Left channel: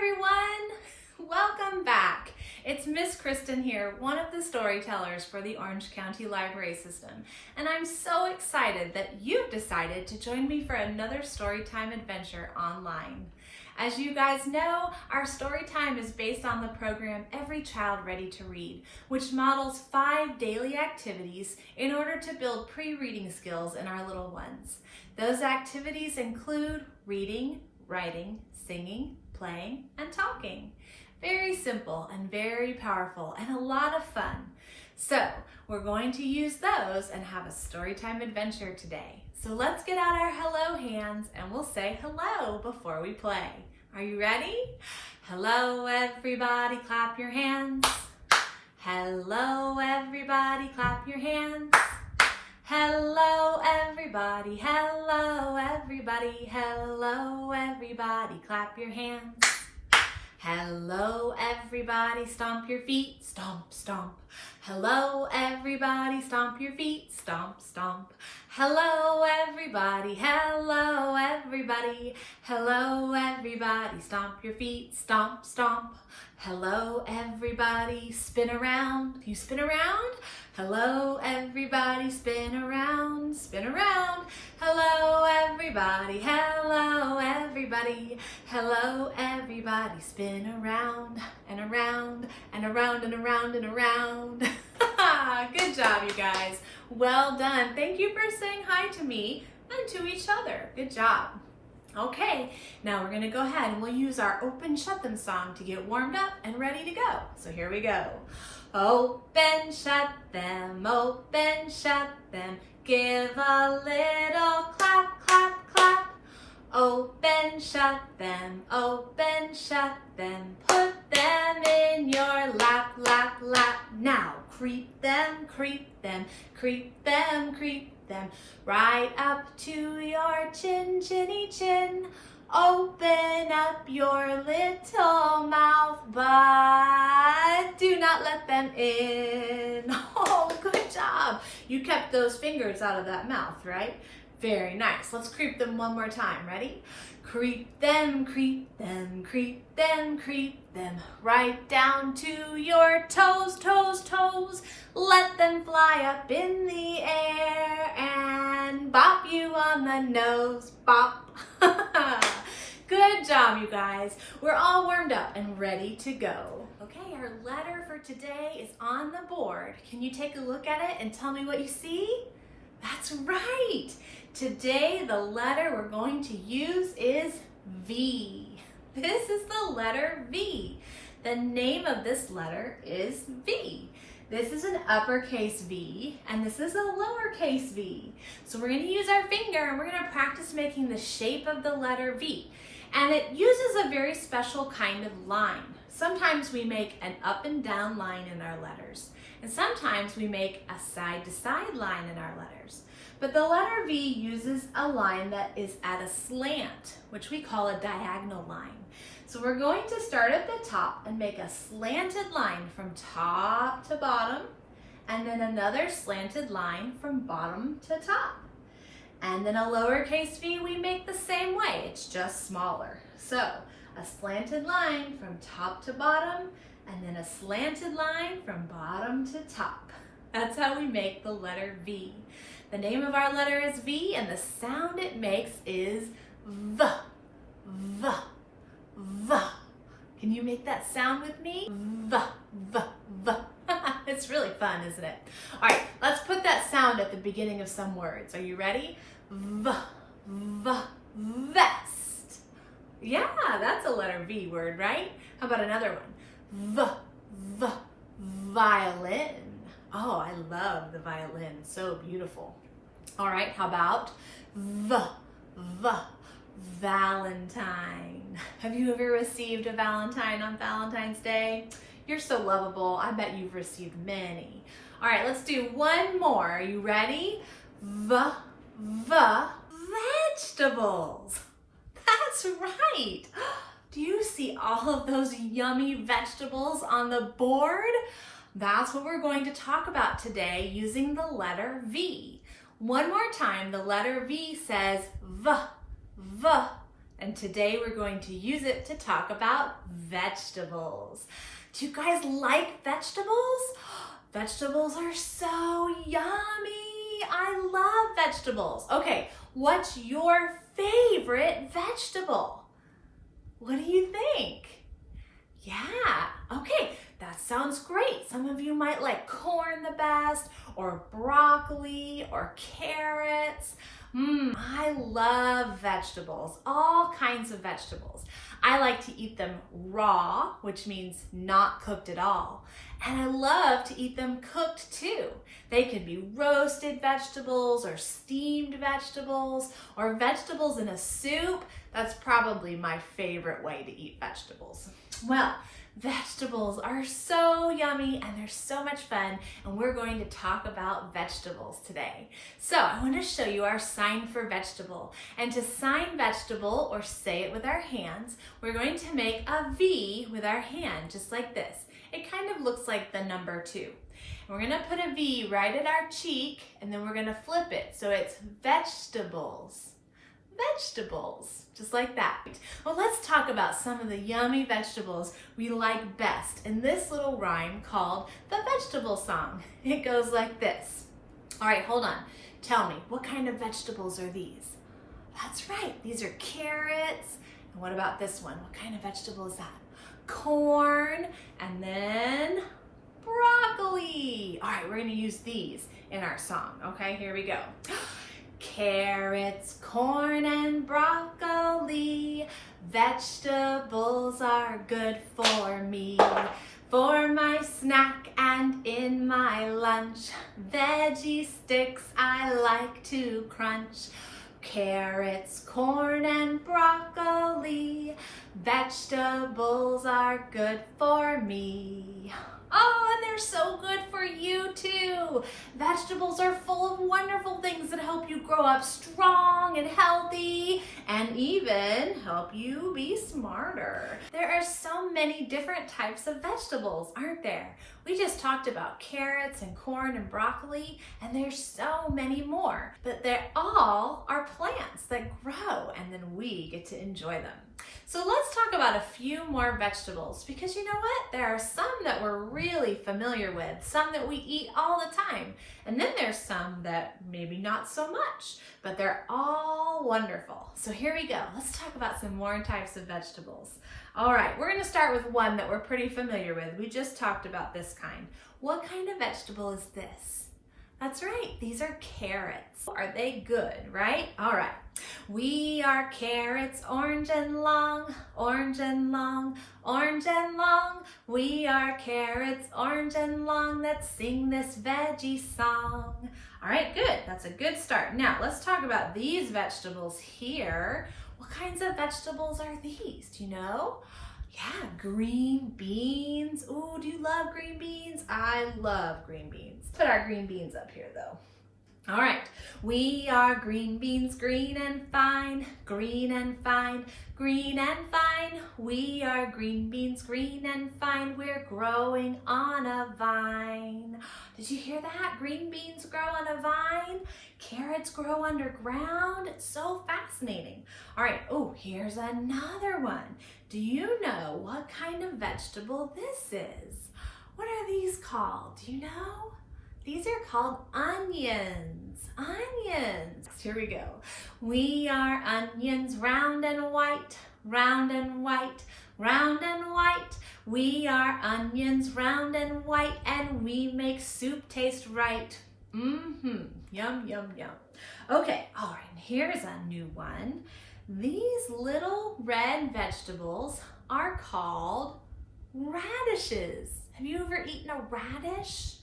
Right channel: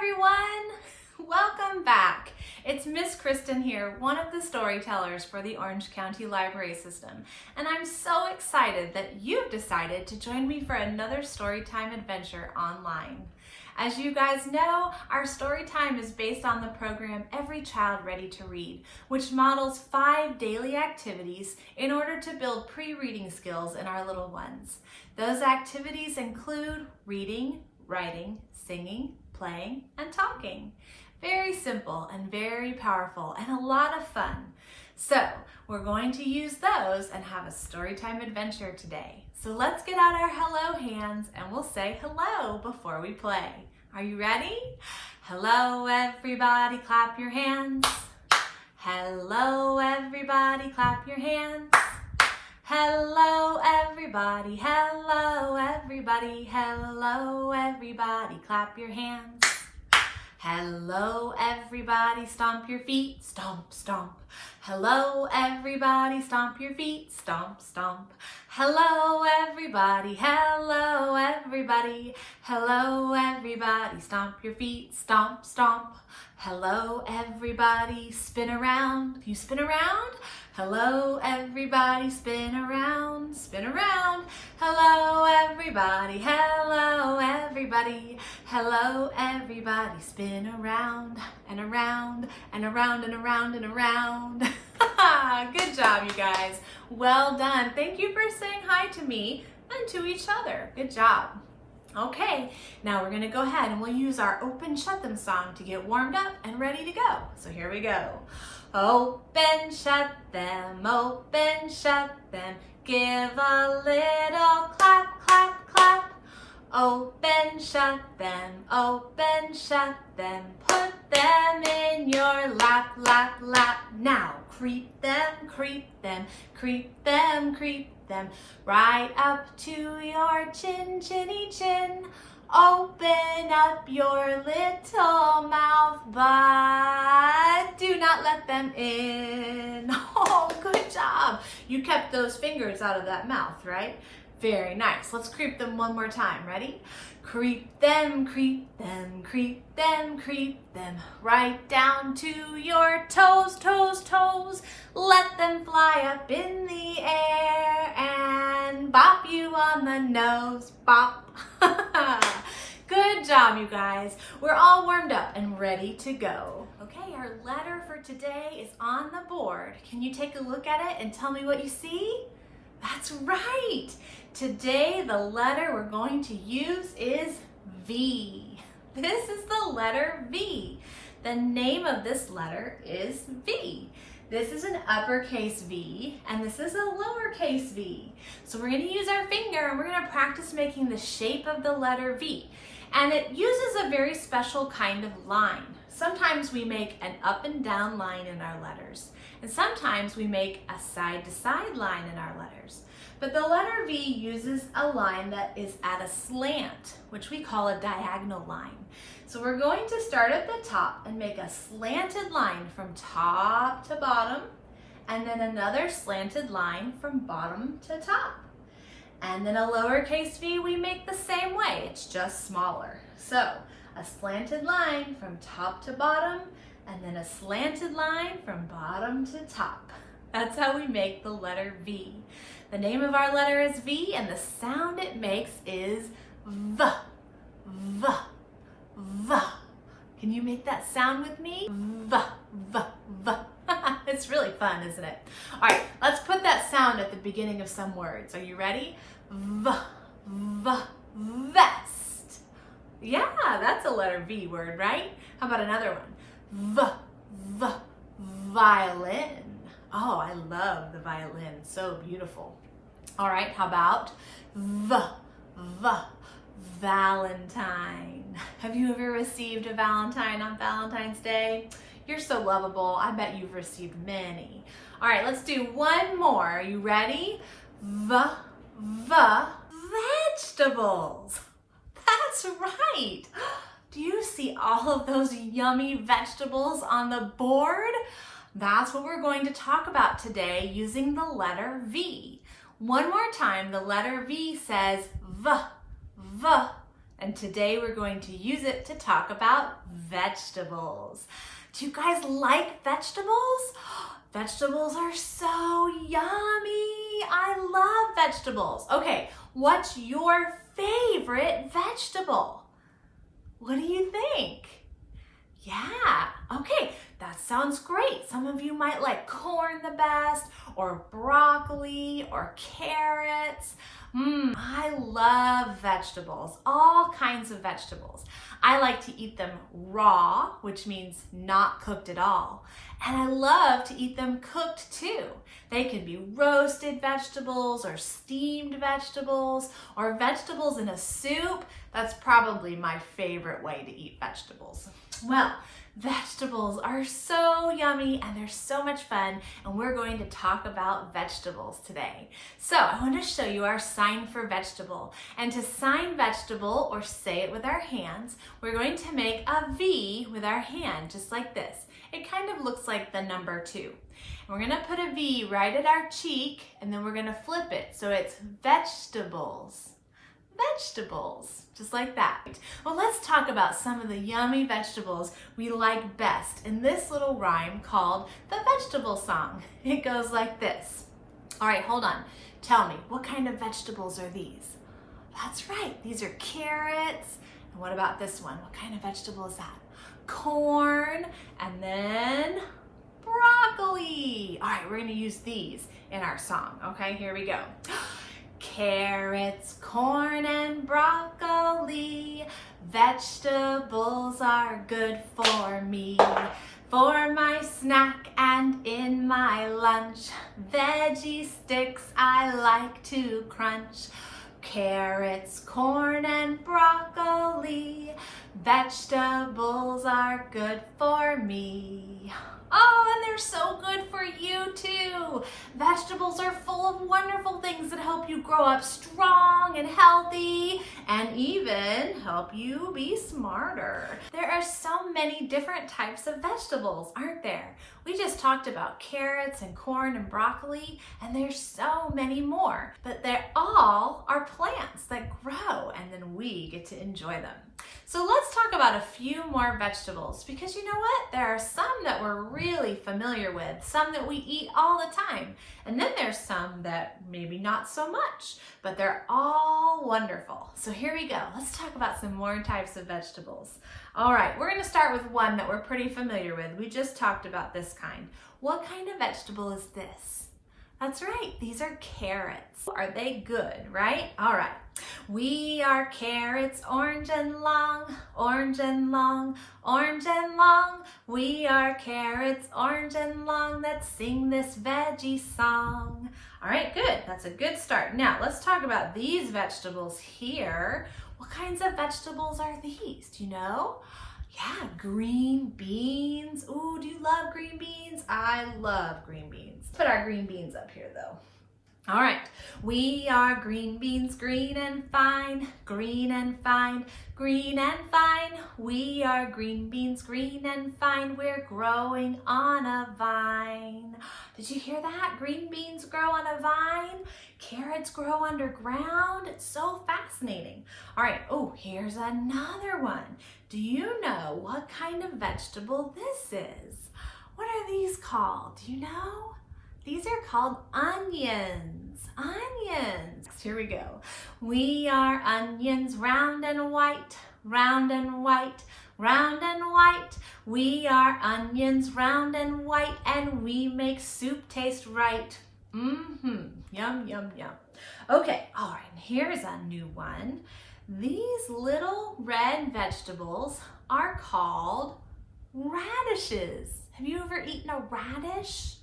everyone! Welcome back. It's Miss Kristin here, one of the storytellers for the Orange County Library System, and I'm so excited that you've decided to join me for another Storytime adventure online. As you guys know, our Storytime is based on the program Every Child Ready to Read, which models 5 daily activities in order to build pre-reading skills in our little ones. Those activities include reading, writing, singing, playing, and talking. Very simple and very powerful and a lot of fun. So we're going to use those and have a Storytime adventure today. So let's get out our hello hands and we'll say hello before we play. Are you ready? Hello everybody, clap your hands. Hello everybody, clap your hands. Hello everybody, hello everybody, hello everybody, clap your hands. Hello everybody, stomp your feet, stomp, stomp. Hello everybody, stomp your feet, stomp, stomp. Hello everybody, hello everybody, hello everybody, stomp your feet, stomp, stomp. Hello everybody, spin around. Can you spin around? Hello everybody, spin around, spin around. Hello everybody, hello everybody, hello everybody, spin around and around and around and around and around. Good job, you guys. Well done. Thank you for saying hi to me and to each other. Good job. Okay, now we're going to go ahead and we'll use our Open Shut Them song to get warmed up and ready to go. So here we go. Open, shut them, give a little clap, clap, clap. Open, shut them, put them in your lap, lap, lap. Now creep them, creep them, creep them, creep them, right up to your chin, chinny chin. Open up your little mouth, but do not let them in. Oh, good job. You kept those fingers out of that mouth, right? Very nice. Let's creep them one more time. Ready? Creep them, creep them, creep them, creep them, right down to your toes, toes, toes. Let them fly up in the air and bop you on the nose, bop. Good job, you guys. We're all warmed up and ready to go. Okay, our letter for today is on the board. Can you take a look at it and tell me what you see? That's right. Today, the letter we're going to use is V. This is the letter V. The name of this letter is V. This is an uppercase V, and this is a lowercase v. So we're going to use our finger, and we're going to practice making the shape of the letter V. And it uses a very special kind of line. Sometimes we make an up and down line in our letters, and sometimes we make a side-to-side line in our letters. But the letter V uses a line that is at a slant, which we call a diagonal line. So we're going to start at the top and make a slanted line from top to bottom, and then another slanted line from bottom to top. And then a lowercase v we make the same way, it's just smaller. So a slanted line from top to bottom, and then a slanted line from bottom to top. That's how we make the letter V. The name of our letter is V, and the sound it makes is V, V, V. Can you make that sound with me? V, V, V. It's really fun, isn't it? All right, let's put that sound at the beginning of some words. Are you ready? V, V, vest. Yeah, that's a letter V word, right? How about another one? V, V, violin. Oh, I love the violin. It's so beautiful. All right, how about V, V, Valentine. Have you ever received a Valentine on Valentine's Day? You're so lovable. I bet you've received many. All right, let's do one more. Are you ready? V, V, vegetables. That's right. Do you see all of those yummy vegetables on the board? That's what we're going to talk about today using the letter V. One more time, the letter V says V, V, And today we're going to use it to talk about vegetables. Do you guys like vegetables? Vegetables are so yummy. I love vegetables. Okay, what's your favorite vegetable? What do you think? Yeah, okay, that sounds great. Some of you might like corn the best, or broccoli, or carrots. I love vegetables, all kinds of vegetables. I like to eat them raw, which means not cooked at all. And I love to eat them cooked too. They can be roasted vegetables or steamed vegetables or vegetables in a soup. That's probably my favorite way to eat vegetables. Well, vegetables are so yummy and they're so much fun, and we're going to talk about vegetables today. So I want to show you our sign for vegetable. And to sign vegetable, or say it with our hands, we're going to make a V with our hand, just like this. It kind of looks like the number 2. And we're going to put a V right at our cheek, and then we're going to flip it. So it's vegetables. Vegetables, just like that. Well, let's talk about some of the yummy vegetables we like best in this little rhyme called the vegetable song. It goes like this. All right, hold on. Tell me, what kind of vegetables are these? That's right, these are carrots. And what about this one? What kind of vegetable is that? Corn, and then broccoli. All right, we're gonna use these in our song. Okay, here we go. Carrots, corn, and broccoli, vegetables are good for me. For my snack and in my lunch, veggie sticks I like to crunch. Carrots, corn, and broccoli, vegetables are good for me. Oh, and they're so good for you too. Vegetables are full of wonderful things that help you grow up strong and healthy, and even help you be smarter. There are so many different types of vegetables, aren't there? We just talked about carrots and corn and broccoli, and there's so many more. But they all are plants that grow, and then we get to enjoy them. So let's talk about a few more vegetables, because you know what? There are some that we're really familiar with, some that we eat all the time, and then there's some that maybe not so much, but they're all wonderful. So here we go. Let's talk about some more types of vegetables. All right, we're going to start with one that we're pretty familiar with. We just talked about this kind. What kind of vegetable is this? That's right, these are carrots. Are they good, right? All right. We are carrots, orange and long, orange and long, orange and long. We are carrots, orange and long, that sing this veggie song. All right, good. That's a good start. Now, let's talk about these vegetables here. What kinds of vegetables are these? Do you know? Yeah, green beans. Ooh, do you love green beans? I love green beans. Put our green beans up here though. All right, we are green beans, green and fine, green and fine, green and fine. We are green beans, green and fine. We're growing on a vine. Did you hear that? Green beans grow on a vine. Carrots grow underground. It's so fascinating. All right, oh, here's another one. Do you know what kind of vegetable this is? What are these called? Do you know? These are called onions. Onions. Here we go. We are onions, round and white, round and white, round and white. We are onions, round and white, and we make soup taste right. Yum, yum, yum. Okay, all right, here's a new one. These little red vegetables are called radishes. Have you ever eaten a radish?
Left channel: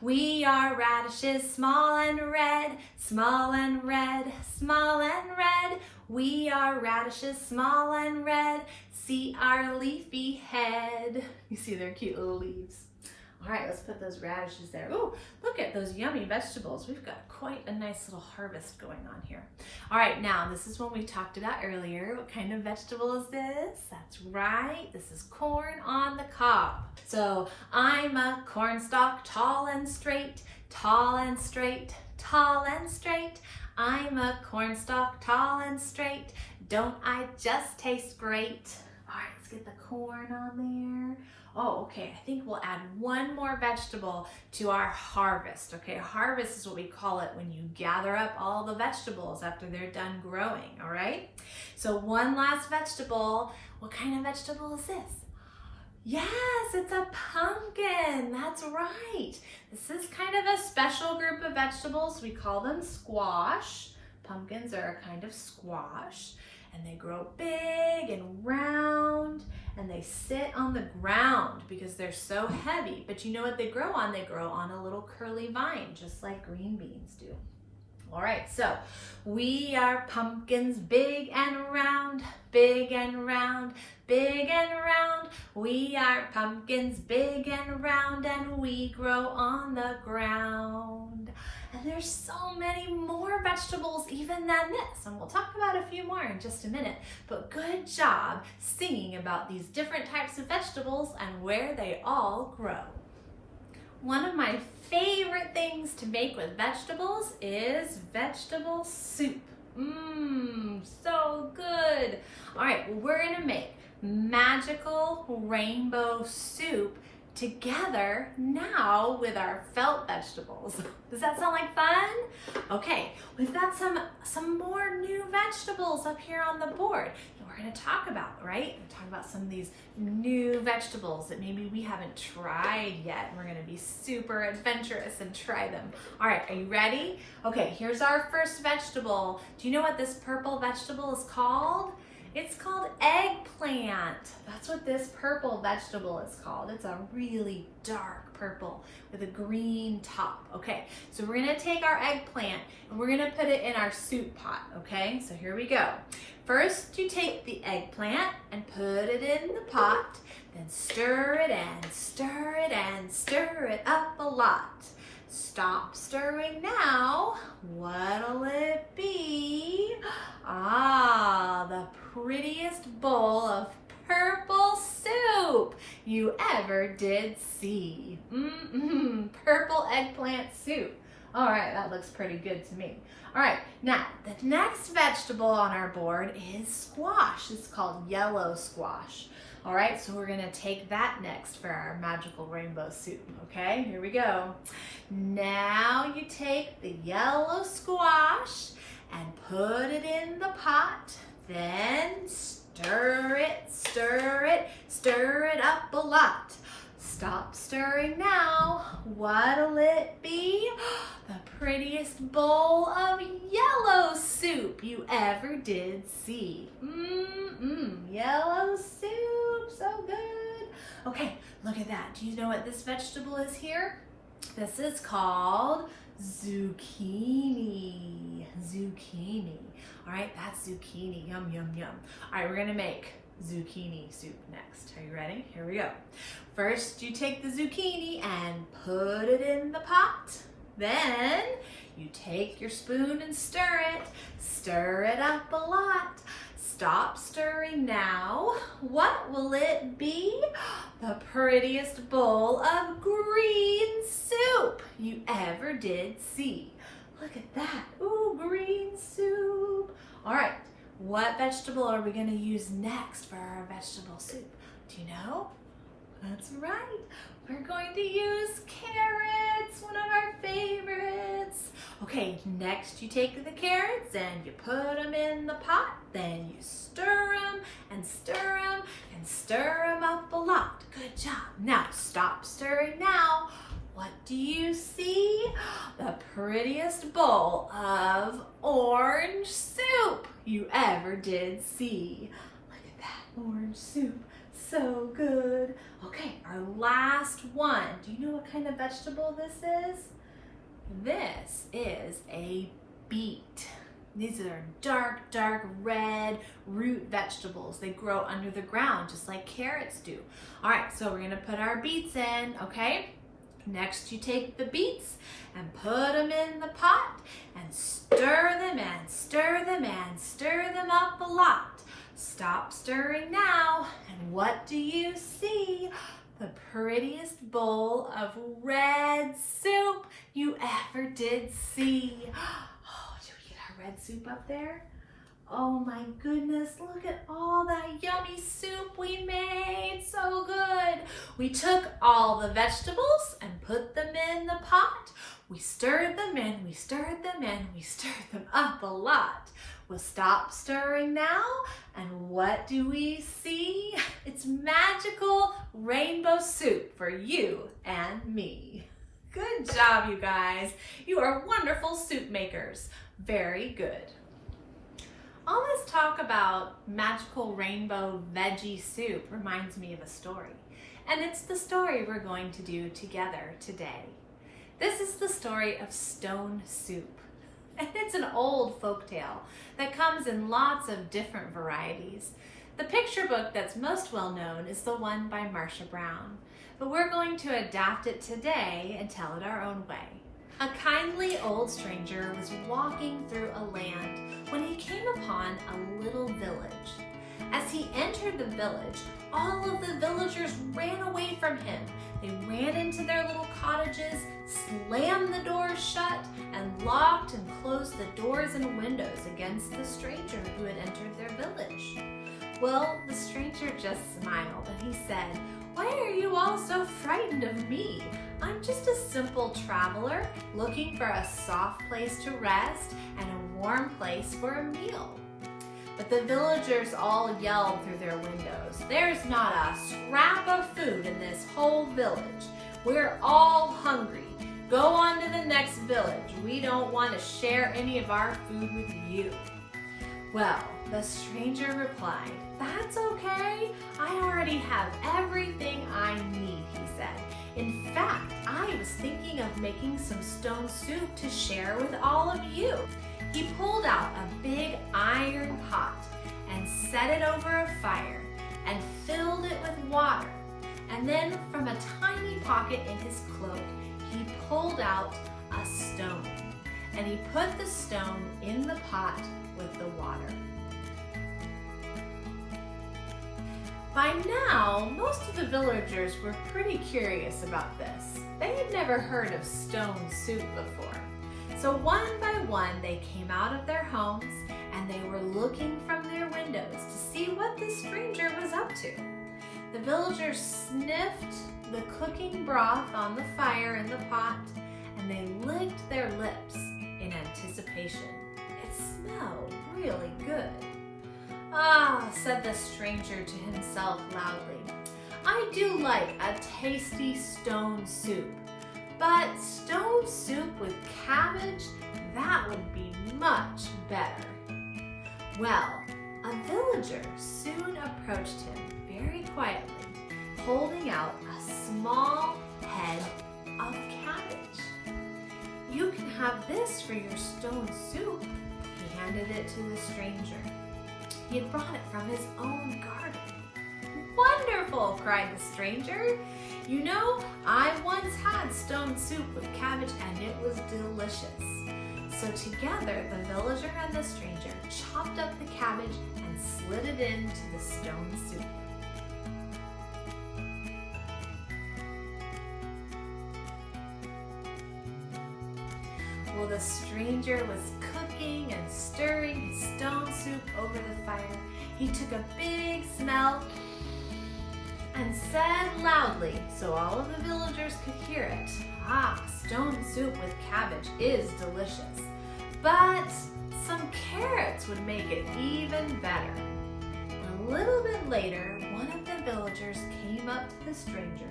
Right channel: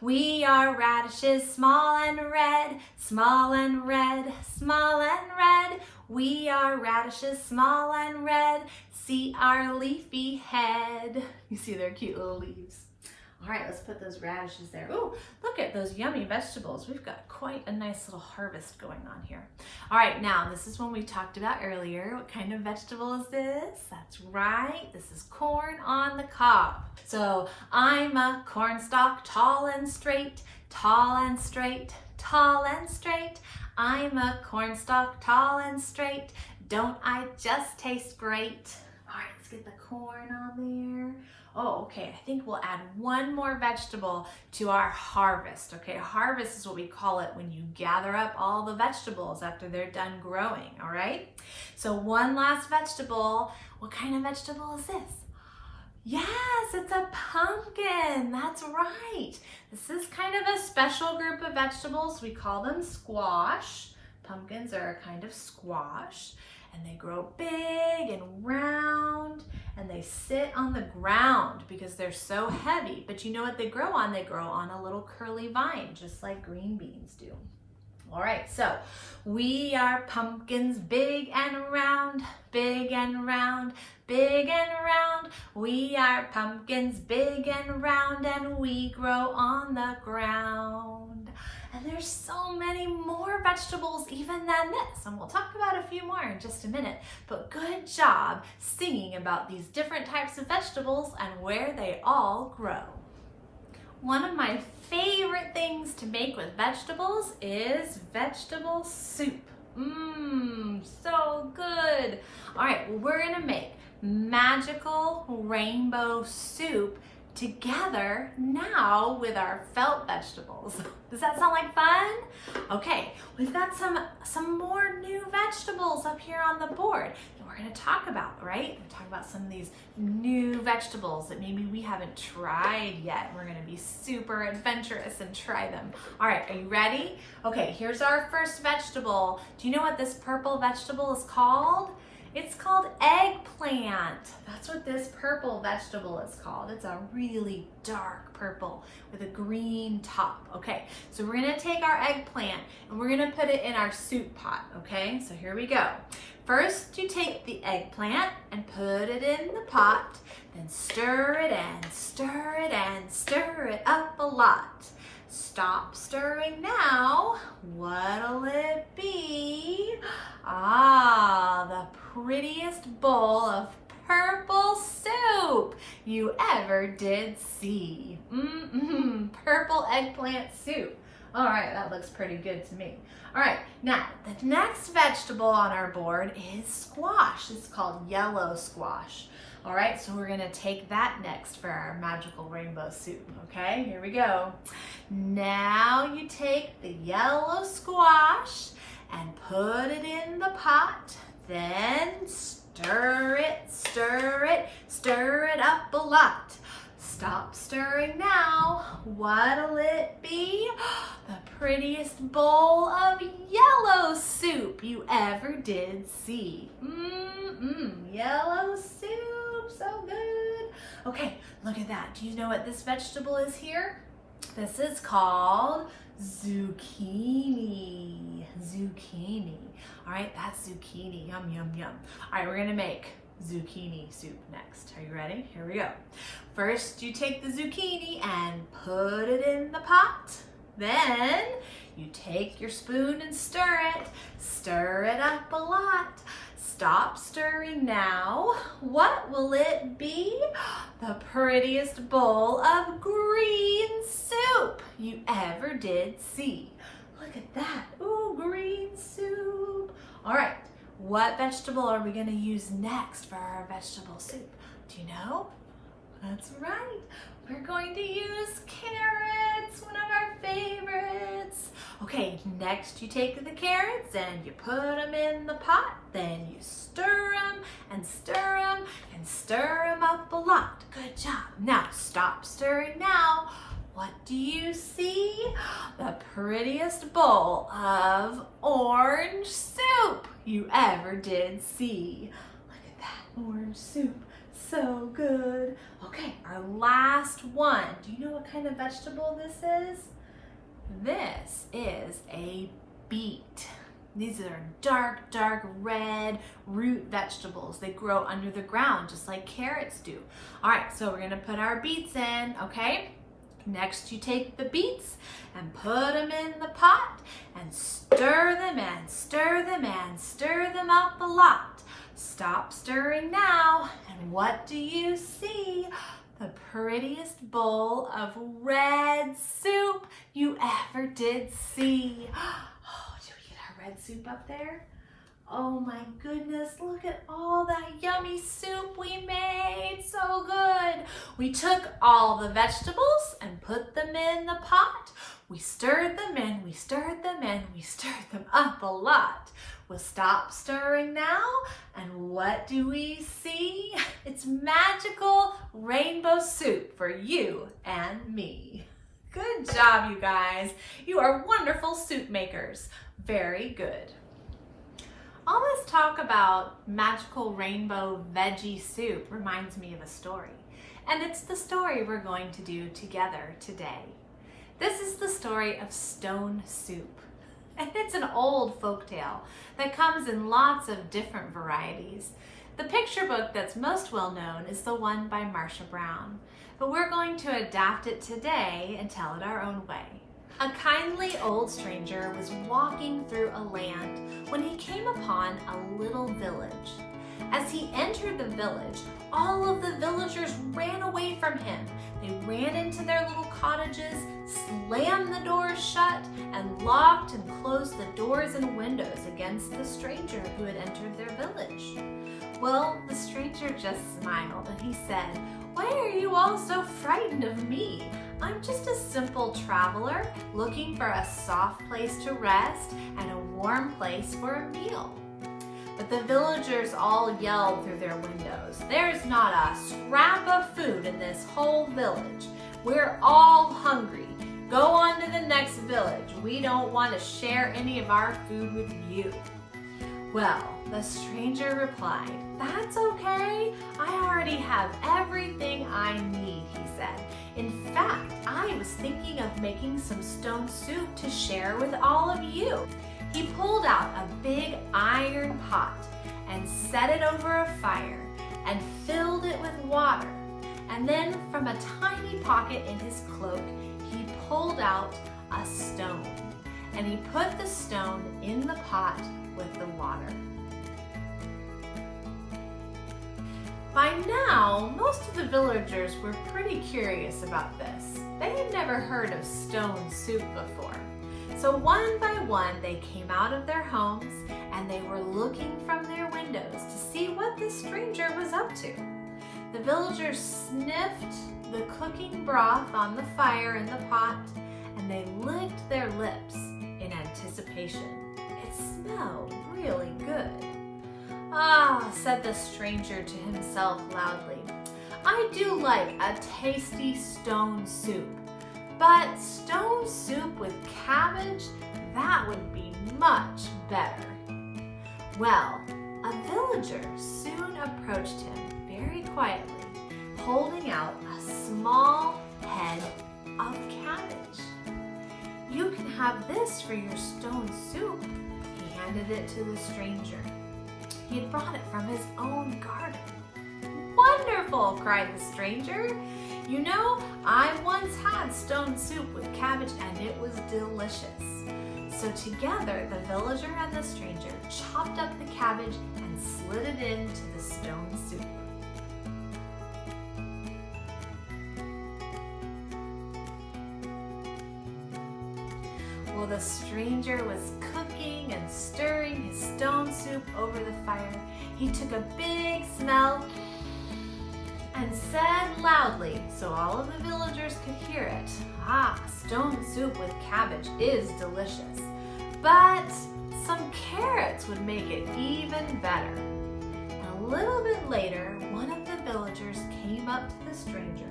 We are radishes, small and red, small and red, small and red. We are radishes, small and red. See our leafy head. You see their cute little leaves. All right, let's put those radishes there. Ooh, look at those yummy vegetables. We've got quite a nice little harvest going on here. All right, now this is one we talked about earlier. What kind of vegetable is this? That's right, this is corn on the cob. So I'm a corn stalk, tall and straight, tall and straight, tall and straight. I'm a cornstalk, tall and straight. Don't I just taste great? All right, let's get the corn on there. Oh, okay, I think we'll add one more vegetable to our harvest, okay? Harvest is what we call it when you gather up all the vegetables after they're done growing, all right? So one last vegetable. What kind of vegetable is this? Yes, it's a pumpkin. That's right. This is kind of a special group of vegetables. We call them squash. Pumpkins are a kind of squash, and they grow big and round, and they sit on the ground because they're so heavy. But you know what they grow on? They grow on a little curly vine, just like green beans do. All right, so we are pumpkins, big and round, big and round, big and round. We are pumpkins, big and round, and we grow on the ground. And there's so many more vegetables even than this, and we'll talk about a few more in just a minute. But good job singing about these different types of vegetables and where they all grow. One of my favorite things to make with vegetables is vegetable soup. So good. All right, well, we're gonna make magical rainbow soup together now with our felt vegetables. Does that sound like fun? Okay, we've got some more new vegetables up here on the board that we're going to talk about, right? We're talking about some of these new vegetables that maybe we haven't tried yet. We're going to be super adventurous and try them. All right, are you ready? Okay, here's our first vegetable. Do you know what this purple vegetable is called? It's called eggplant. That's what this purple vegetable is called. It's a really dark purple with a green top. Okay, so we're gonna take our eggplant and we're gonna put it in our soup pot, okay? So here we go. First, you take the eggplant and put it in the pot, then stir it and stir it and stir it up a lot. Stop stirring now. What'll it be? Ah, the prettiest bowl of purple soup you ever did see. Purple eggplant soup. All right, that looks pretty good to me. All right, now the next vegetable on our board is squash. It's called yellow squash. All right, so we're gonna take that next for our magical rainbow soup, okay? Here we go. Now you take the yellow squash and put it in the pot, then stir it, stir it, stir it up a lot. Stop stirring now. What'll it be? The prettiest bowl of yellow soup you ever did see. Yellow soup, so good. Okay, look at that. Do you know what this vegetable is here? This is called zucchini. Zucchini. All right, that's zucchini. Yum, yum, yum. All right, we're gonna make zucchini soup next. Are you ready? Here we go. First, you take the zucchini and put it in the pot. Then you take your spoon and stir it up a lot. Stop stirring now. What will it be? The prettiest bowl of green soup you ever did see. Look at that. Ooh, green soup. All right, what vegetable are we gonna use next for our vegetable soup? Do you know? That's right. We're going to use carrots, one of our favorites. Okay, next you take the carrots and you put them in the pot. Then you stir them and stir them and stir them up a lot. Good job. Now stop stirring now. What do you see? The prettiest bowl of orange soup you ever did see. Look at that orange soup. So good. Okay, our last one. Do you know what kind of vegetable this is? This is a beet. These are dark, dark red root vegetables. They grow under the ground just like carrots do. All right, so we're gonna put our beets in, okay? Next, you take the beets and put them in the pot and stir them and stir them and stir them up a lot. Stop stirring now, and what do you see? The prettiest bowl of red soup you you ever did see. Oh, did we get our red soup up there? Oh my goodness, look at all that yummy soup we made. So good. We took all the vegetables and put them in the pot. We stirred them in, we stirred them in, we stirred them up a lot. We'll stop stirring now, and what do we see? It's magical rainbow soup for you and me. Good job, you guys. You are wonderful soup makers. Very good. All this talk about magical rainbow veggie soup reminds me of a story. And it's the story we're going to do together today. This is the story of stone soup. And it's an old folktale that comes in lots of different varieties. The picture book that's most well known is the one by Marcia Brown. But we're going to adapt it today and tell it our own way. A kindly old stranger was walking through a land when he came upon a little village. As he entered the village, all of the villagers ran away from him. They ran into their little cottages, slammed the doors shut, and locked and closed the doors and windows against the stranger who had entered their village. Well, the stranger just smiled and he said, "Why are you all so frightened of me? I'm just a simple traveler looking for a soft place to rest and a warm place for a meal." But the villagers all yelled through their windows, "There's not a scrap of food in this whole village. We're all hungry. Go on to the next village. We don't want to share any of our food with you." Well, the stranger replied, "That's okay. I already have everything I need," he said. "In fact, I was thinking of making some stone soup to share with all of you." He pulled out a big iron pot and set it over a fire and filled it with water. And then from a tiny pocket in his cloak, he pulled out a stone. And he put the stone in the pot with the water. By now, most of the villagers were pretty curious about this. They had never heard of stone soup before. So one by one, they came out of their homes and they were looking from their windows to see what this stranger was up to. The villagers sniffed the cooking broth on the fire in the pot and they licked their lips in anticipation. It smelled really good. "Ah," said the stranger to himself loudly, "I do like a tasty stone soup. But stone soup with cabbage, that would be much better." Well, a villager soon approached him very quietly, holding out a small head of cabbage. "You can have this for your stone soup." He handed it to the stranger. He had brought it from his own garden. "Wonderful," cried the stranger. "You know, I once had stone soup with cabbage and it was delicious." So together, the villager and the stranger chopped up the cabbage and slid it into the stone soup. While the stranger was cooking and stirring his stone soup over the fire, he took a big smell and said loudly, so all of the villagers could hear it, "Ah, stone soup with cabbage is delicious, but some carrots would make it even better." A little bit later, one of the villagers came up to the stranger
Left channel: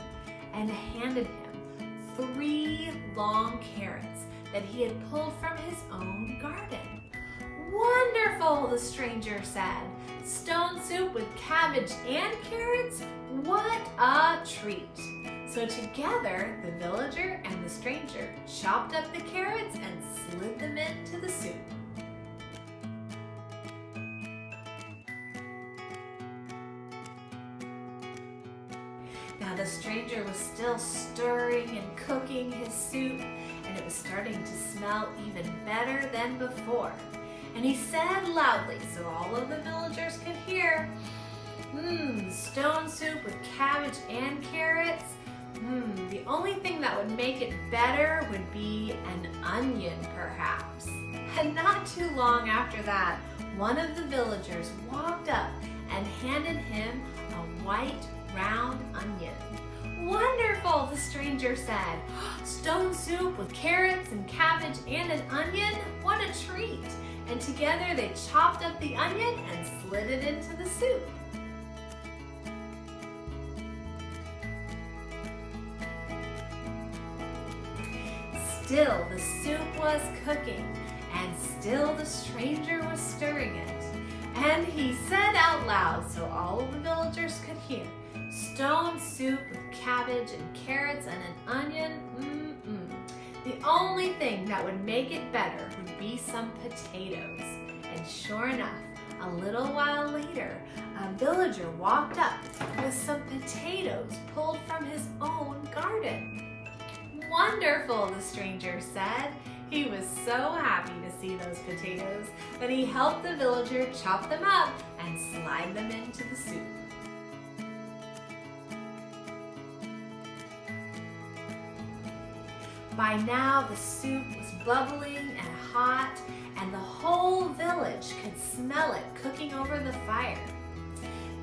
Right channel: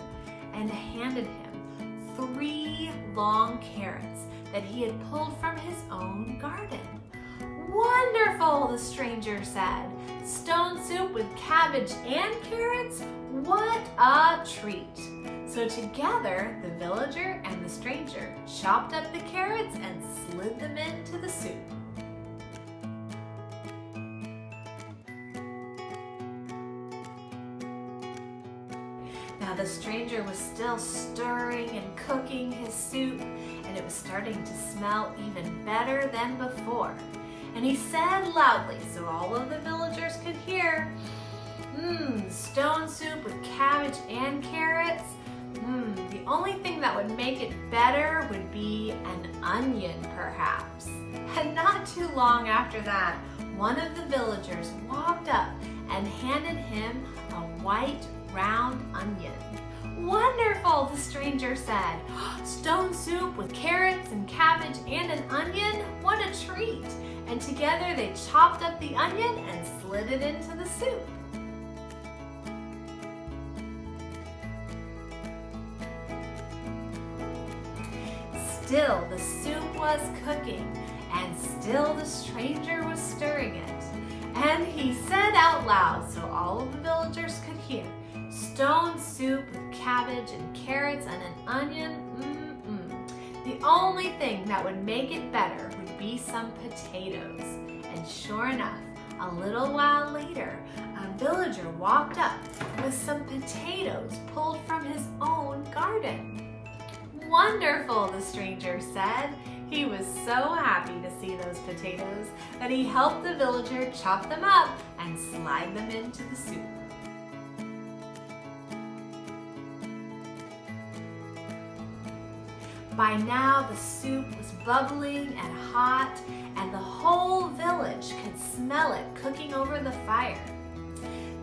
and handed him 3 long carrots that he had pulled from his own garden. "Wonderful," the stranger said. "Stone soup with cabbage and carrots? What a treat!" So together, the villager and the stranger chopped up the carrots and slid them into the soup. Now the stranger was still stirring and cooking his soup, and it was starting to smell even better than before. And he said loudly, so all of the villagers could hear, "Stone soup with cabbage and carrots. The only thing that would make it better would be an onion, perhaps. And not too long after that, one of the villagers walked up and handed him a white, round onion. Wonderful, the stranger said. Stone soup with carrots and cabbage and an onion? What a treat! And together they chopped up the onion and slid it into the soup. Still the soup was cooking, and still the stranger was stirring it. And he said out loud so all of the villagers could hear, stone soup with cabbage and carrots and an onion, The only thing that would make it better would be some potatoes. And sure enough, a little while later, a villager walked up with some potatoes pulled from his own garden. Wonderful, the stranger said. He was so happy to see those potatoes that he helped the villager chop them up and slide them into the soup. By now the soup was bubbling and hot, and the whole village could smell it cooking over the fire.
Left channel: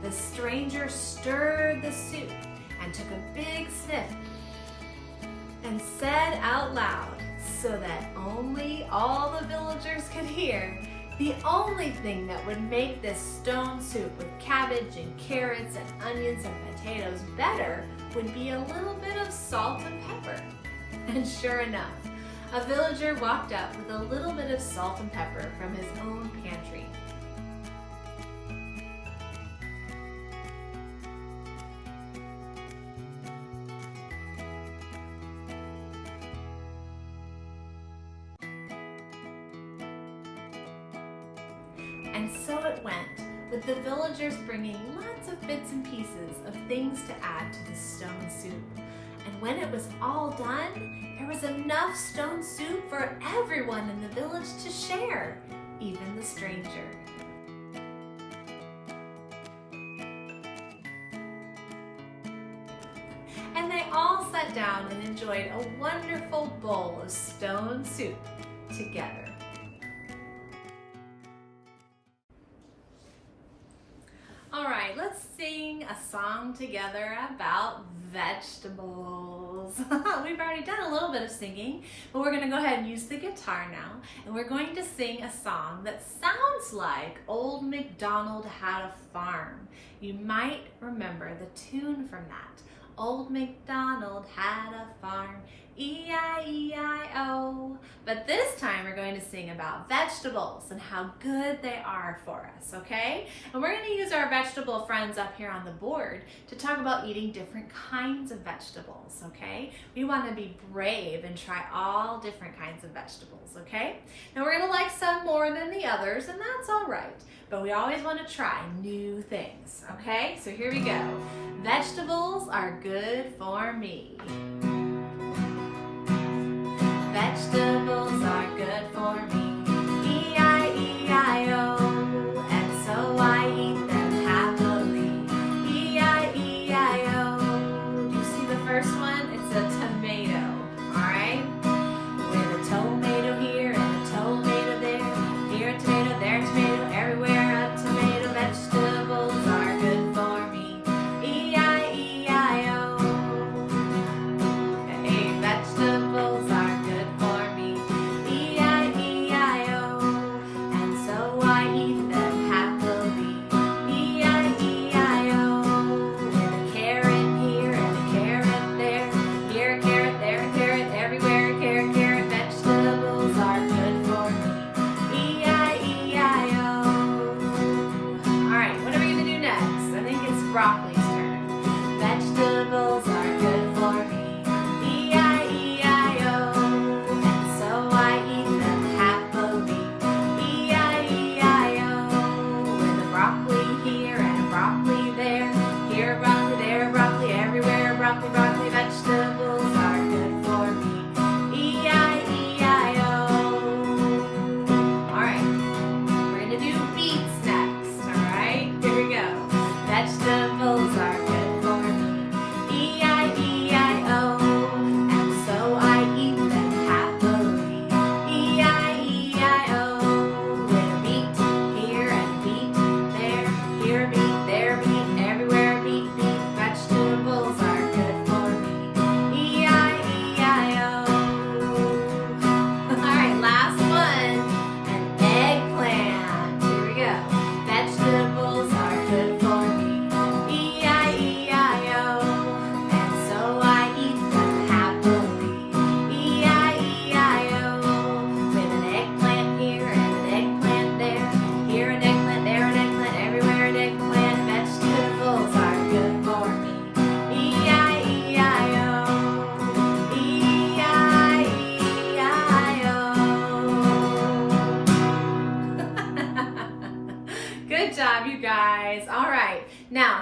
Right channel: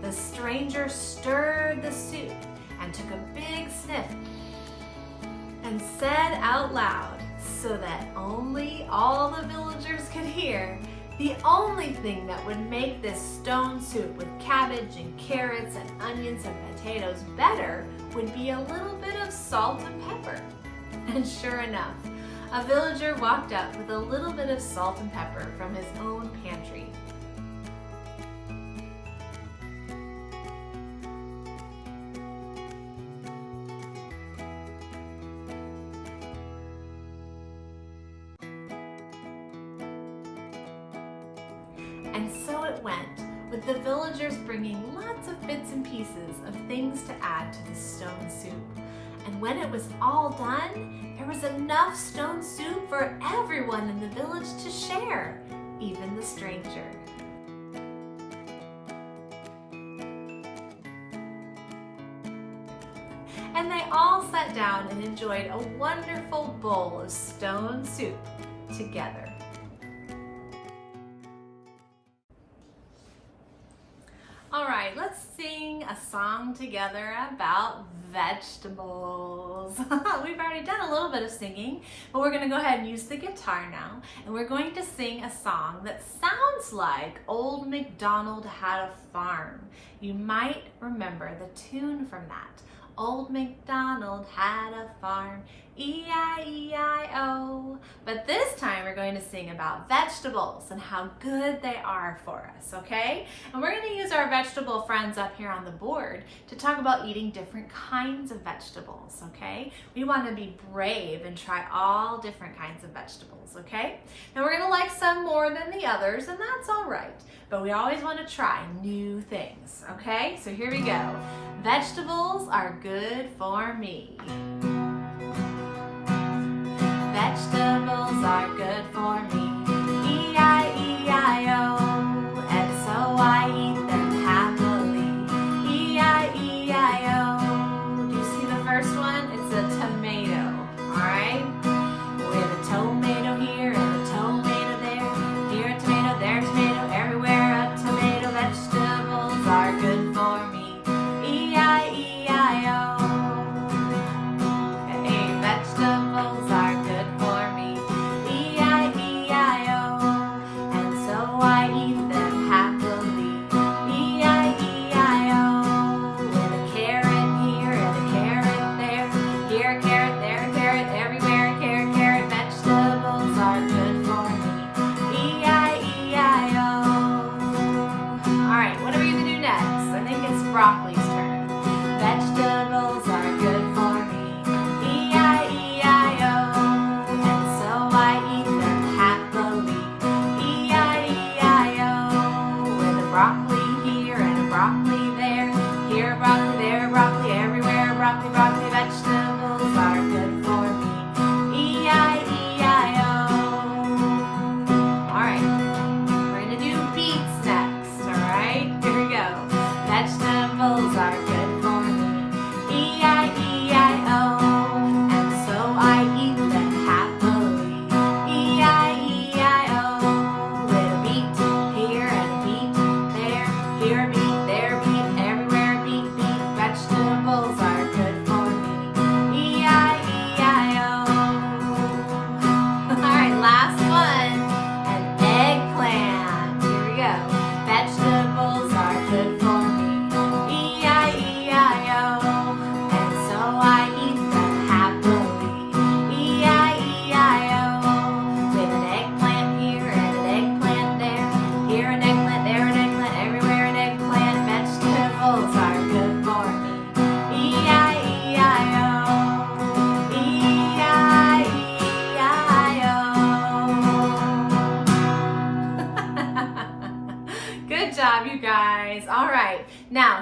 The stranger stirred the soup and took a big sniff and said out loud, so that only all the villagers could hear, the only thing that would make this stone soup with cabbage and carrots and onions and potatoes better would be a little bit of salt and pepper. And sure enough, a villager walked up with a little bit of salt and pepper from his own pantry. And so it went, with the villagers bringing lots of bits and pieces of things to add to the stone soup. And when it was all done, there was enough stone soup for everyone in the village to share, even the stranger. And they all sat down and enjoyed a wonderful bowl of stone soup together. All right, let's sing a song together about vegetables. We've already done a little bit of singing, but we're going to go ahead and use the guitar now, and we're going to sing a song that sounds like Old MacDonald Had a Farm. You might remember the tune from that. Old MacDonald had a farm, E-I-E-I-O. But this time we're going to sing about vegetables and how good they are for us, okay? And we're going to use our vegetable friends up here on the board to talk about eating different kinds of vegetables, okay? We want to be brave and try all different kinds of vegetables, okay? Now we're going to like some more than the others, and that's all right. But we always want to try new things, okay? So here we go. Vegetables are good for me. Vegetables are good for me. E-I-E-I-O. And so I eat them happily. E-I-E-I-O. Do you see the first one? It's a tomato, all right? With a tomato here and a tomato there. Here a tomato, there a tomato, everywhere a tomato. Vegetables are good for me. E-I-E-I-O. Hey, vegetables are good for me.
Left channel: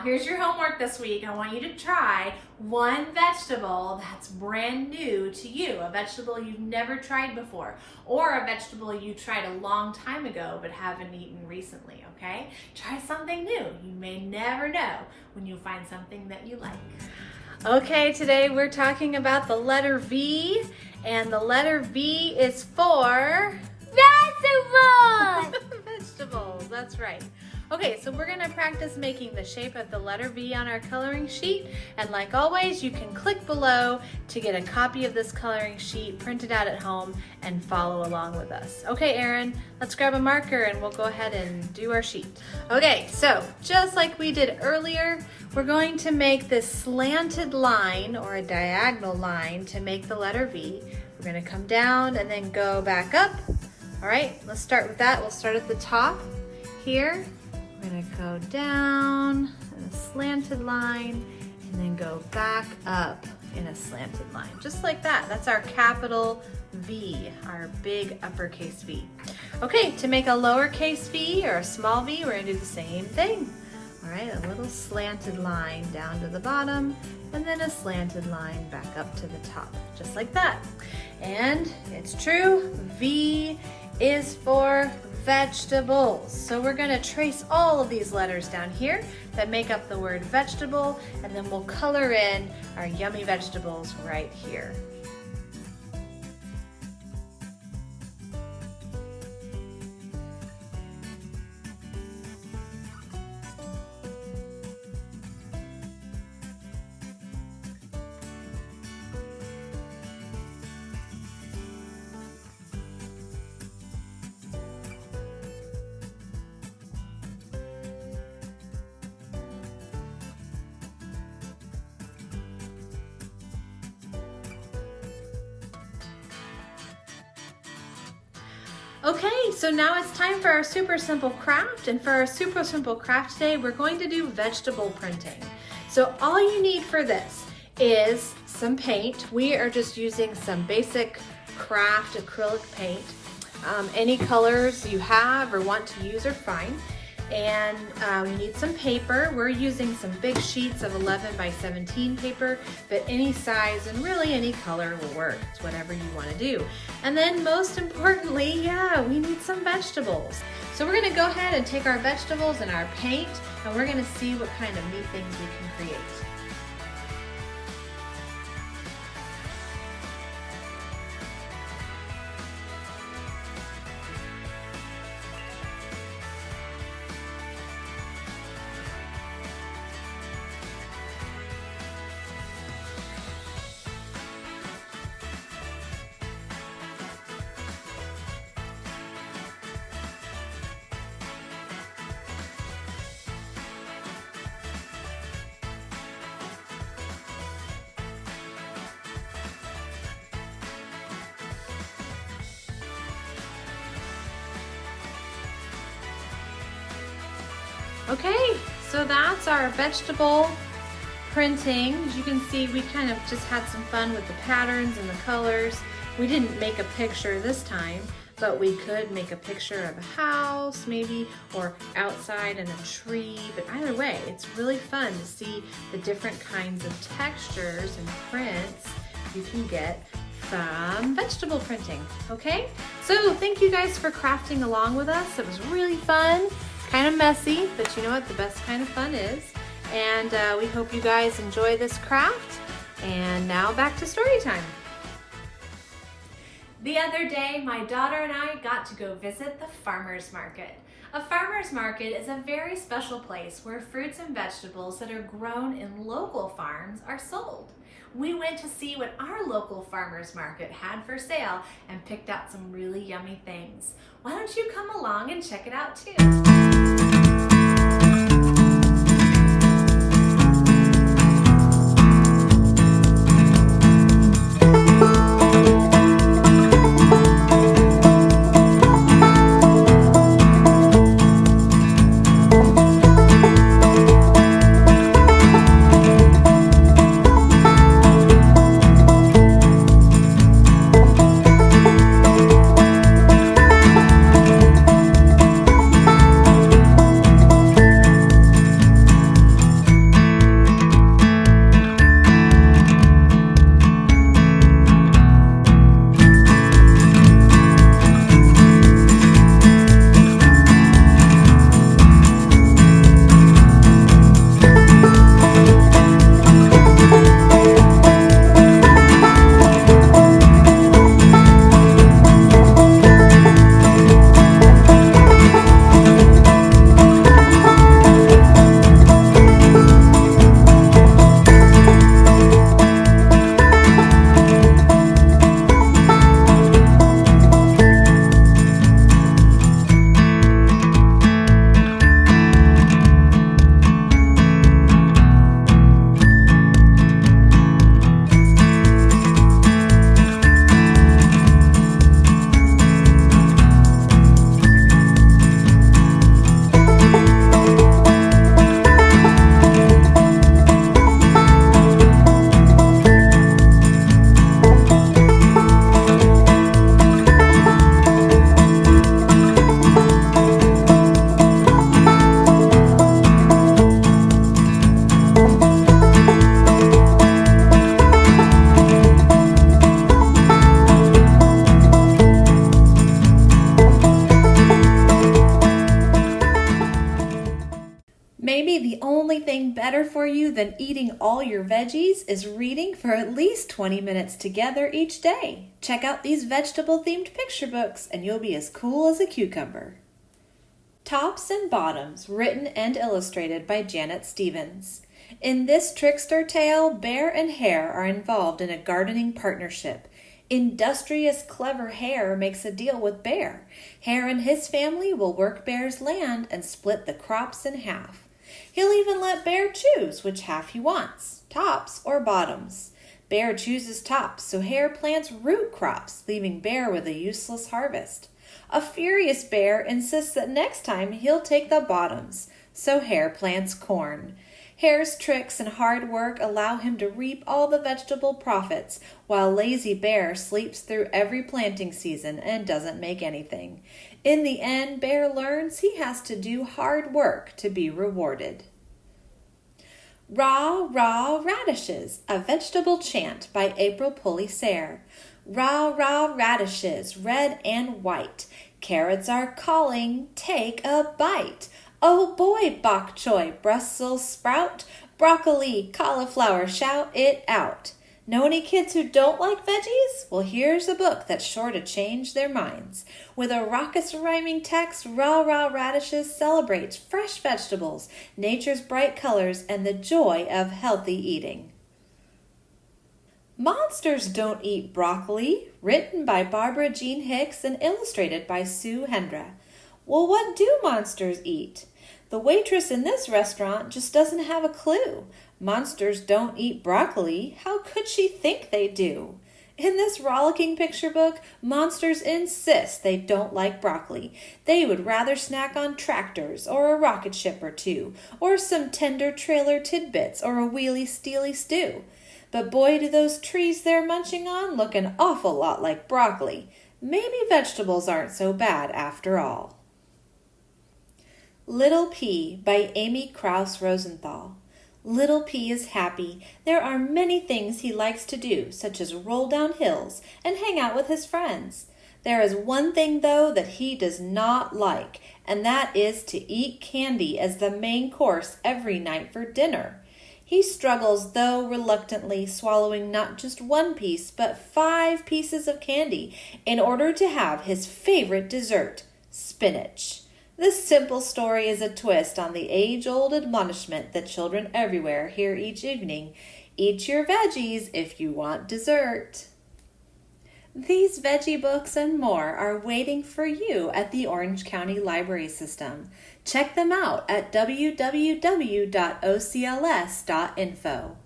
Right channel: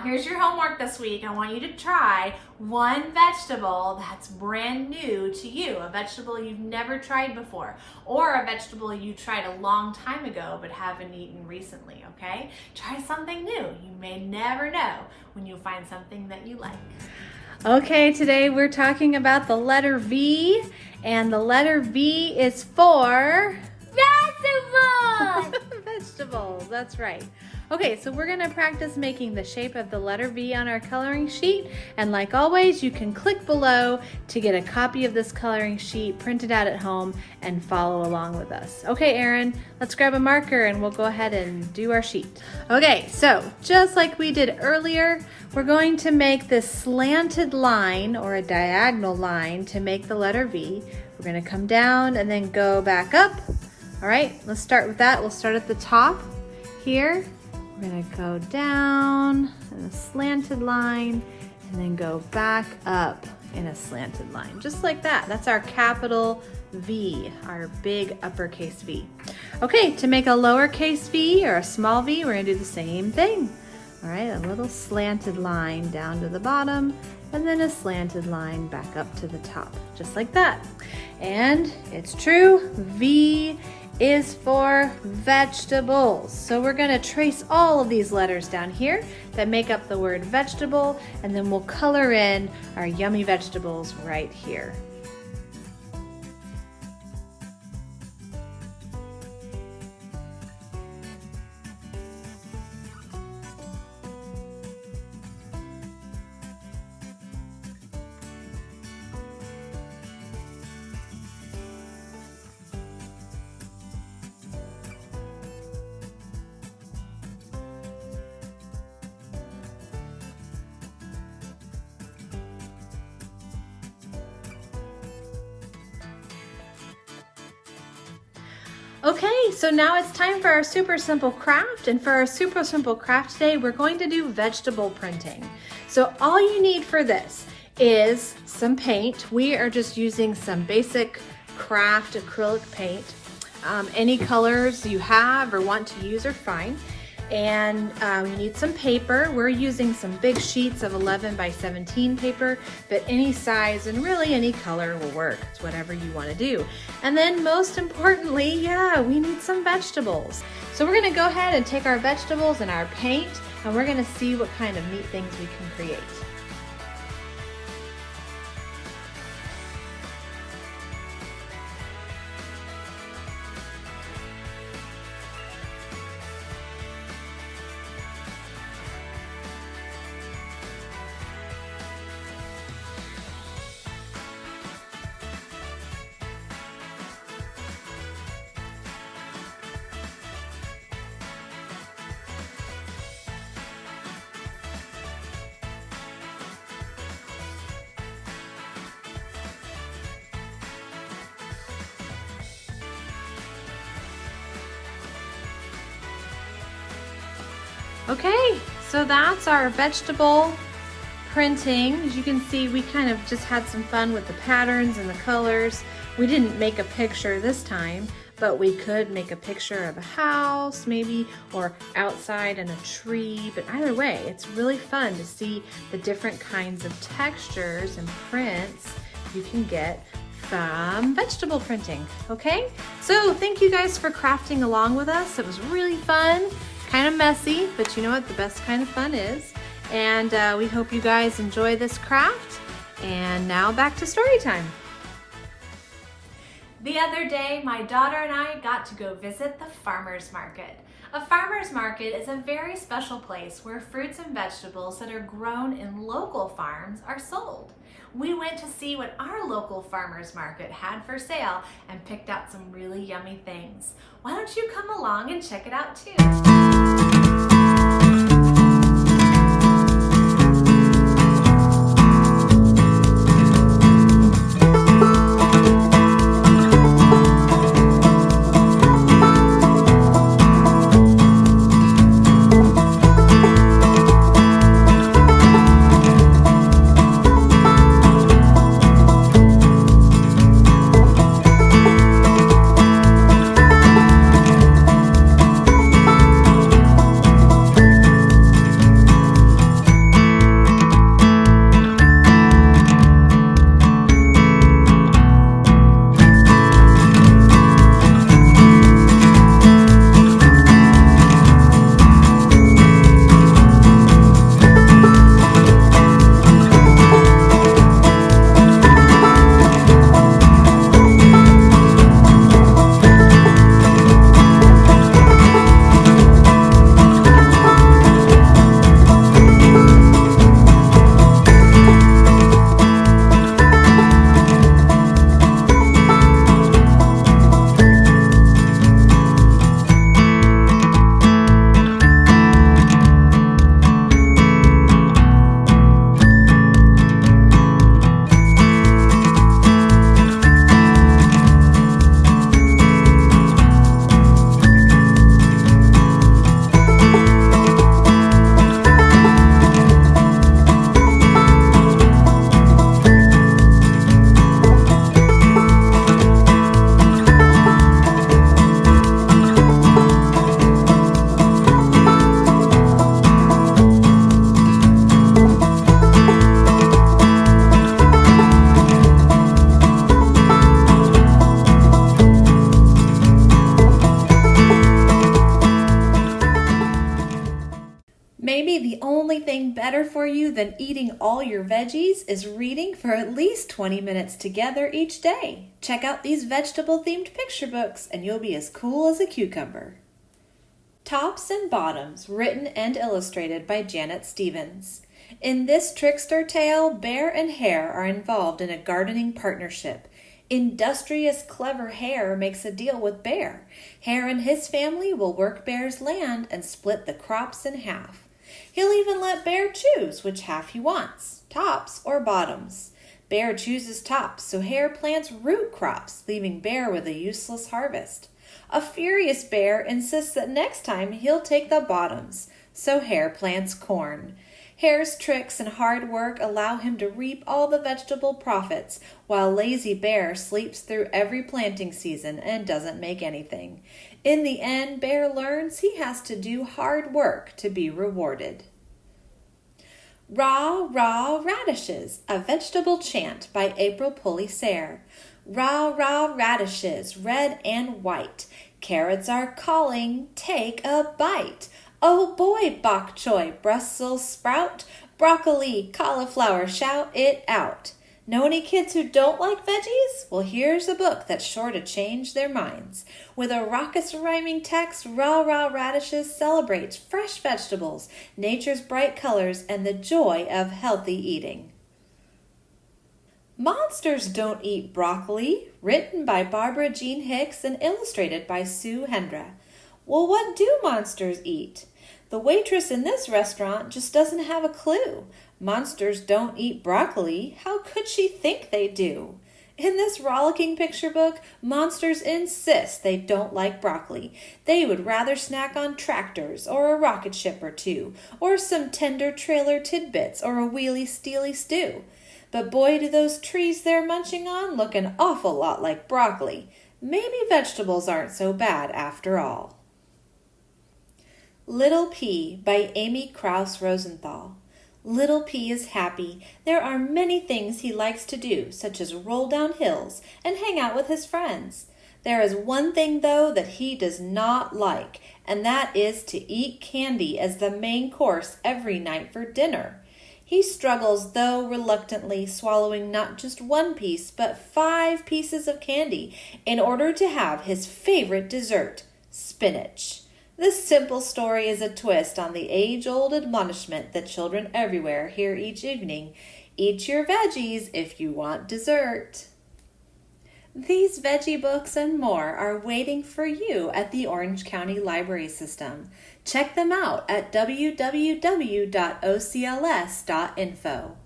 here's your homework this week. I want you to try one vegetable that's brand new to you, a vegetable you've never tried before, or a vegetable you tried a long time ago but haven't eaten recently, okay? Try something new. You may never know when you find something that you like. Okay, today we're talking about the letter V, and the letter V is for vegetables. Vegetables, that's right. Okay, so we're gonna practice making the shape of the letter V on our coloring sheet, and like always, you can click below to get a copy of this coloring sheet, print it out at home, and follow along with us. Okay, Erin, let's grab a marker and we'll go ahead and do our sheet. Okay, so just like we did earlier, we're going to make this slanted line or a diagonal line to make the letter V. We're gonna come down and then go back up. All right, let's start with that. We'll start at the top here. We're gonna go down in a slanted line and then go back up in a slanted line, just like that. That's our capital V, our big uppercase V. Okay, to make a lowercase v or a small v, we're gonna do the same thing. All right, a little slanted line down to the bottom and then a slanted line back up to the top, just like that. And it's true, V is for vegetables. So we're gonna trace all of these letters down here that make up the word vegetable, and then we'll color in our yummy vegetables right here. Okay, so now it's time for our super simple craft, and for our super simple craft today, we're going to do vegetable printing. So all you need for this is some paint. We are just using some basic craft acrylic paint. Any colors you have or want to use are fine. And we need some paper. We're using some big sheets of 11 by 17 paper, but any size and really any color will work. It's whatever you want to do. And then most importantly, we need some vegetables. So we're going to go ahead and take our vegetables and our paint, and we're going to see what kind of neat things we can create. Okay, so that's our vegetable printing. As you can see, we kind of just had some fun with the patterns and the colors. We didn't make a picture this time, but we could make a picture of a house maybe, or outside in a tree. But either way, it's really fun to see the different kinds of textures and prints you can get from vegetable printing, okay? So thank you guys for crafting along with us. It was really fun, kind of messy, but you know what the best kind of fun is. And we hope you guys enjoy this craft. And now back to story time. The other day, my daughter and I got to go visit the farmer's market. A farmer's market is a very special place where fruits and vegetables that are grown in local farms are sold. We went to see what our local farmer's market had for sale and picked out some really yummy things. Why don't you come along and check it out too? better for you than eating all your veggies is reading for at least 20 minutes together each day. Check out these vegetable-themed picture books and you'll be as cool as a cucumber. Tops and Bottoms, written and illustrated by Janet Stevens. In this trickster tale, Bear and Hare are involved in a gardening partnership. Industrious, clever Hare makes a deal with Bear. Hare and his family will work Bear's land and split the crops in half. He'll even let Bear choose which half he wants, tops or bottoms. Bear chooses tops, so Hare plants root crops, leaving Bear with a useless harvest. A furious Bear insists that next time he'll take the bottoms, so Hare plants corn. Hare's tricks and hard work allow him to reap all the vegetable profits, while lazy Bear sleeps through every planting season and doesn't make anything. In the end, Bear learns he has to do hard work to be rewarded. Raw, Raw Radishes, a vegetable chant by April Pulley Sayre. Raw, raw radishes, red and white. Carrots are calling, take a bite. Oh boy, bok choy, Brussels sprout, broccoli, cauliflower, shout it out. Know any kids who don't like veggies? Well, here's a book that's sure to change their minds. With a raucous rhyming text, Raw Raw Radishes celebrates fresh vegetables, nature's bright colors, and the joy of healthy eating. Monsters Don't Eat Broccoli, written by Barbara Jean Hicks and illustrated by Sue Hendra. Well, what do monsters eat? The waitress in this restaurant just doesn't have a clue. Monsters don't eat broccoli. How could she think they do? In this rollicking picture book, monsters insist they don't like broccoli. They would rather snack on tractors or a rocket ship or two, or some tender trailer tidbits or a wheelie steely stew. But boy, do those trees they're munching on look an awful lot like broccoli. Maybe vegetables aren't so bad after all. Little P by Amy Krauss Rosenthal. Little P is happy. There are many things he likes to do, such as roll down hills and hang out with his friends. There is one thing, though, that he does not like, and that is to eat candy as the main course every night for dinner. He struggles, though reluctantly, swallowing not just one piece, but 5 pieces of candy in order to have his favorite dessert, spinach. This simple story is a twist on the age-old admonishment that children everywhere hear each evening. Eat your veggies if you want dessert. These veggie books and more are waiting for you at the Orange County Library System. Check them out at www.ocls.info.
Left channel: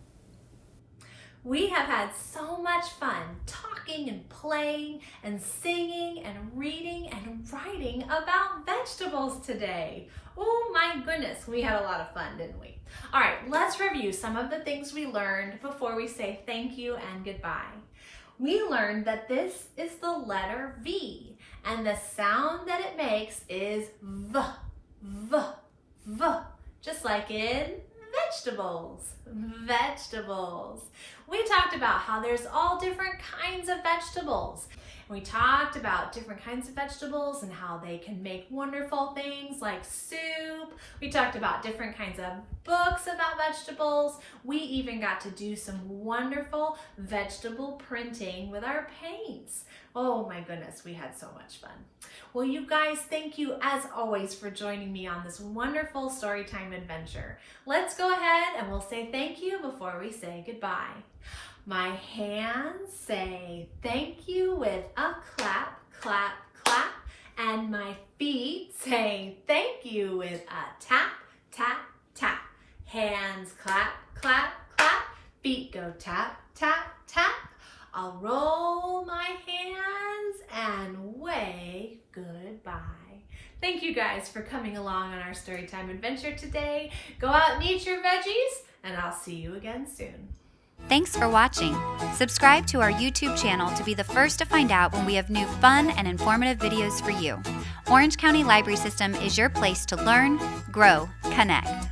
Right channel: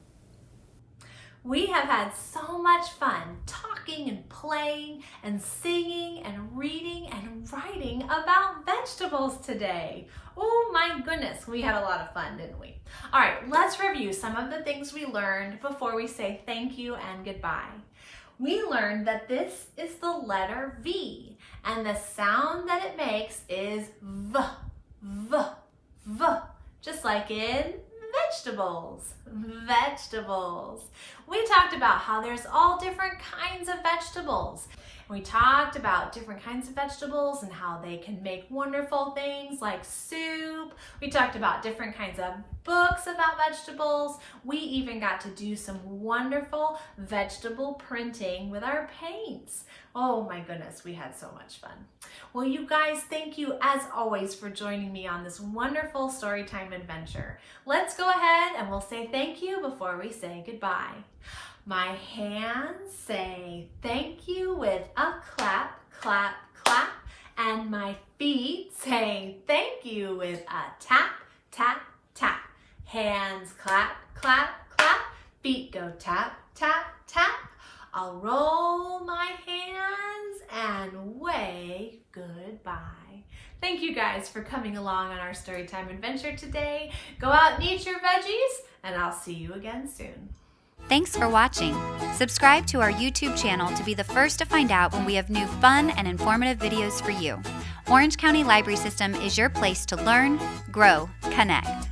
We have had so much fun talking and playing and singing and reading and writing about vegetables today. Oh my goodness, we had a lot of fun, didn't we? All right, let's review some of the things we learned before we say thank you and goodbye. We learned that this is the letter V, and the sound that it makes is V, V, V, just like in vegetables, vegetables. We talked about how there's all different kinds of vegetables. We talked about different kinds of vegetables and how they can make wonderful things like soup. We talked about different kinds of books about vegetables. We even got to do some wonderful vegetable printing with our paints. Oh my goodness, we had so much fun. Well, you guys, thank you as always for joining me on this wonderful Storytime adventure. Let's go ahead and we'll say thank you before we say goodbye. My hands say thank you with a clap, clap, clap, and my feet say thank you with a tap, tap, tap. Hands clap, clap, clap, feet go tap, tap, tap. I'll roll my hands and wave goodbye. Thank you guys for coming along on our Storytime adventure today. Go out and eat your veggies, and I'll see you again soon. Thanks for watching. Subscribe to our YouTube channel to be the first to find out when we have new fun and informative videos for you. Orange County Library System is your place to learn, grow, connect.